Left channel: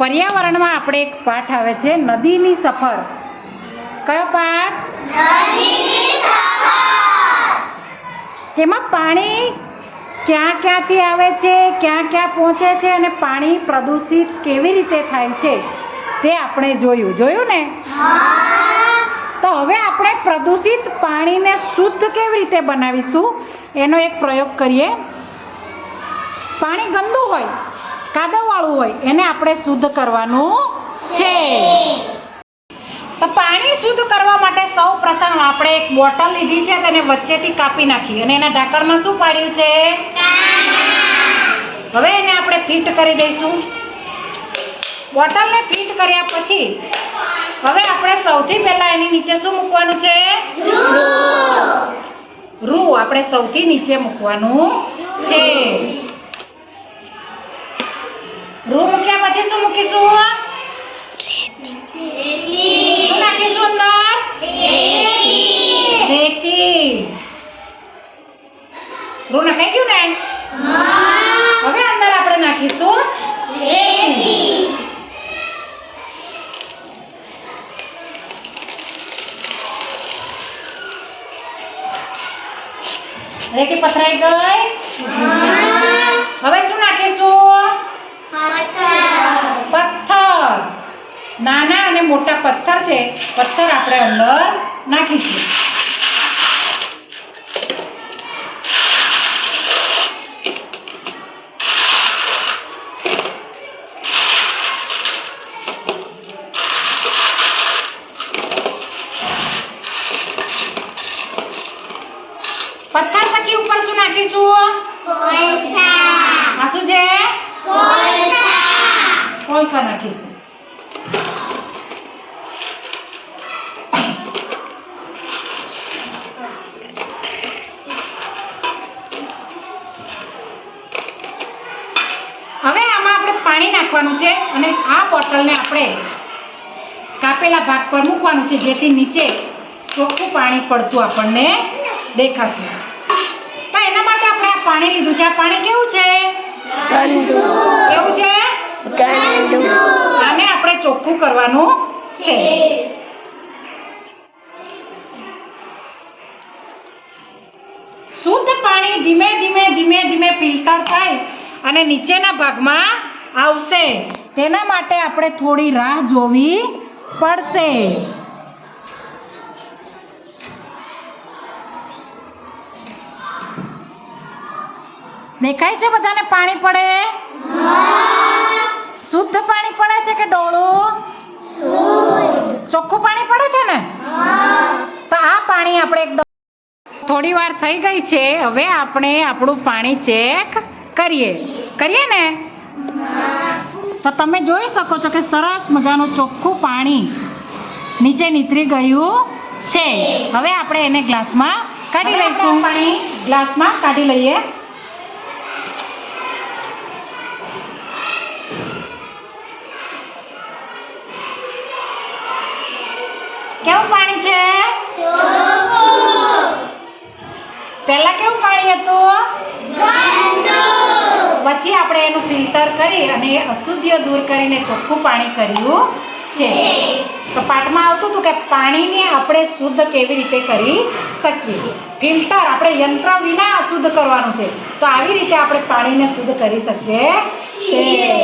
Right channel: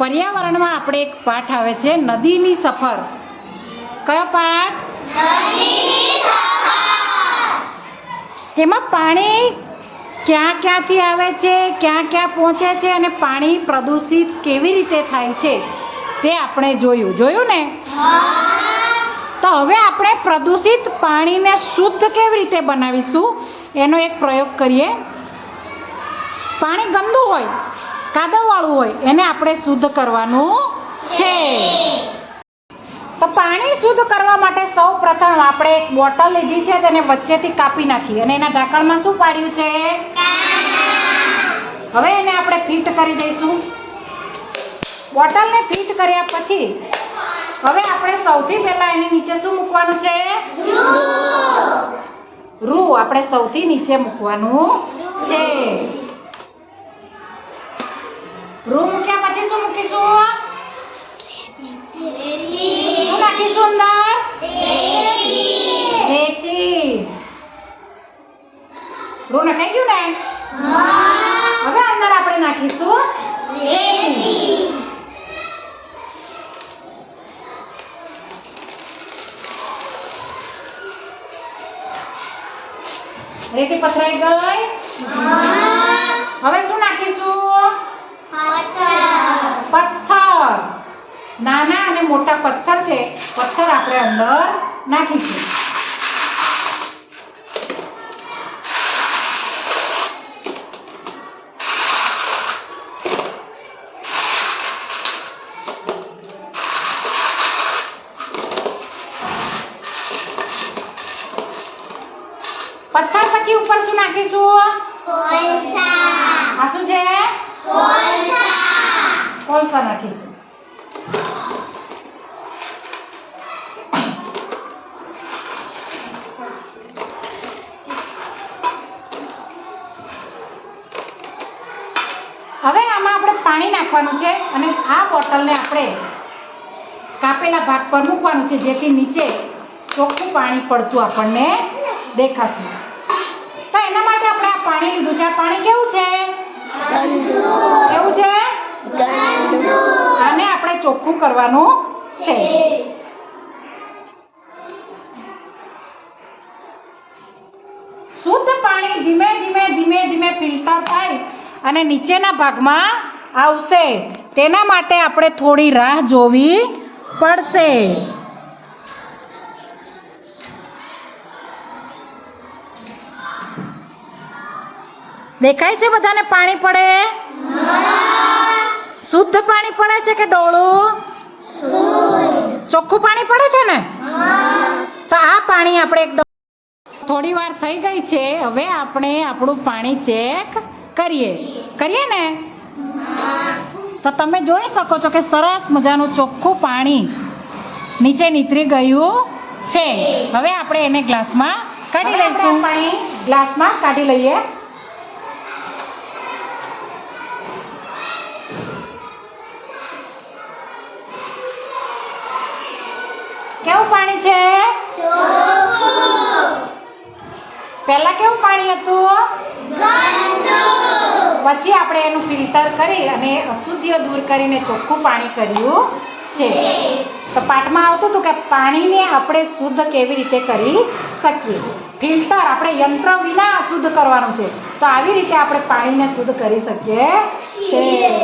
પર્યાવરણમાં આપણે એક પાઠ આવે છે નદીની સફર. કયો પાઠ? નદીની સફર. એમાં પાણી ક્યાં ક્યાંથી આવે છે, ક્યાં ક્યાં પહોંચે છે અને પાણી પ્રદૂષિત કેવી રીતે થાય છે તે આપણે જોયું ને. તો હવે આપણે પ્રદૂષિત પાણીને શુદ્ધ કેવી રીતે બનાવીશું એનો એક પ્રયોગ કરીએ. પાણી ગંદુ હોય, કાદવવાળું હોય, એને આપણે શુદ્ધ કરવાનું છે. તો પાણી શુદ્ધ કરવા માટે સૌ પ્રથમ આપણે એક બોટલ લીધી છે, તેને વચ્ચેથી કાપી નાખી અને એના ઢાંકણમાં શું પાડ્યું છે? હવે એને આપણે ફિટ કરી દઈશું. બોટલને ફિટ કર્યા પછી હવે આપણે સૌથી પહેલા એની નીચે શું મૂકવાનું છે? રૂ આપણે સૌથી નીચે મૂકવાનું છે. રૂ મૂક્યા પછી શું મૂકીશું? શું નાખીશું અંદર? રેતી. રૂ નખાઈ ગયું ને? હવે અંદર આપણે નાખીશું રેતી. રેતી પથરાઈ ગઈ. હવે શું નાખીશું? પથ્થર. નાના અને મોટા પથ્થર છે, પથ્થર આપણે અંદર નાખીશું. પથ્થર પછી ઉપર શું નાખીશું? આ શું છે? કોલસા નાખીશું. હવે આમાં આપણે પાણી નાખવાનું છે અને આ બોટલને આપણે કાપેલા ભાગ પર મૂકવાનું છે, જેથી નીચે ચોખ્ખું પાણી પડતું આપણને દેખાશે. તો એના માટે આપણે આ પાણી લીધું છે. આ પાણી કેવું છે? કેવું છે? આને આપણે ચોખ્ખું કરવાનું છે. શુદ્ધ પાણી ધીમે ધીમે ફિલ્ટર થાય અને નીચેના ભાગમાં આવશે. તેના માટે આપણે થોડી રાહ જોવી પડશે. દેખાય છે બધાને પાણી પડે? શુદ્ધ પાણી પડે છે કે ડોળું? ચોખ્ખું પાણી પડે છે ને? તો આ પાણી આપણે એકદમ થોડી વાર થઈ ગઈ છે. હવે આપણે આપણું પાણી ચેક કરીએ ને. તો તમે જોઈ શકો છો કે સરસ મજાનું ચોખ્ખું પાણી નીચે નીતરી ગયું છે. હવે આપણે એને ગ્લાસમાં કાઢી લઈશું. પાણી ગ્લાસમાં કાઢી લઈએ. કેવું પાણી છે? પહેલા કેવું પાણી હતું? પછી આપણે એનું ફિલ્ટર કરી અને અશુદ્ધિઓ દૂર કરીને ચોખ્ખું પાણી કર્યું છે. તો પાઠમાં આવતું હતું કે પાણીને આપણે શુદ્ધ કેવી રીતે કરી શકીએ. ફિલ્ટર આપણે યંત્ર વિના શુદ્ધ કરવાનું છે. તો આવી રીતે આપણે પાણીને શુદ્ધ કરી શકીએ છીએ.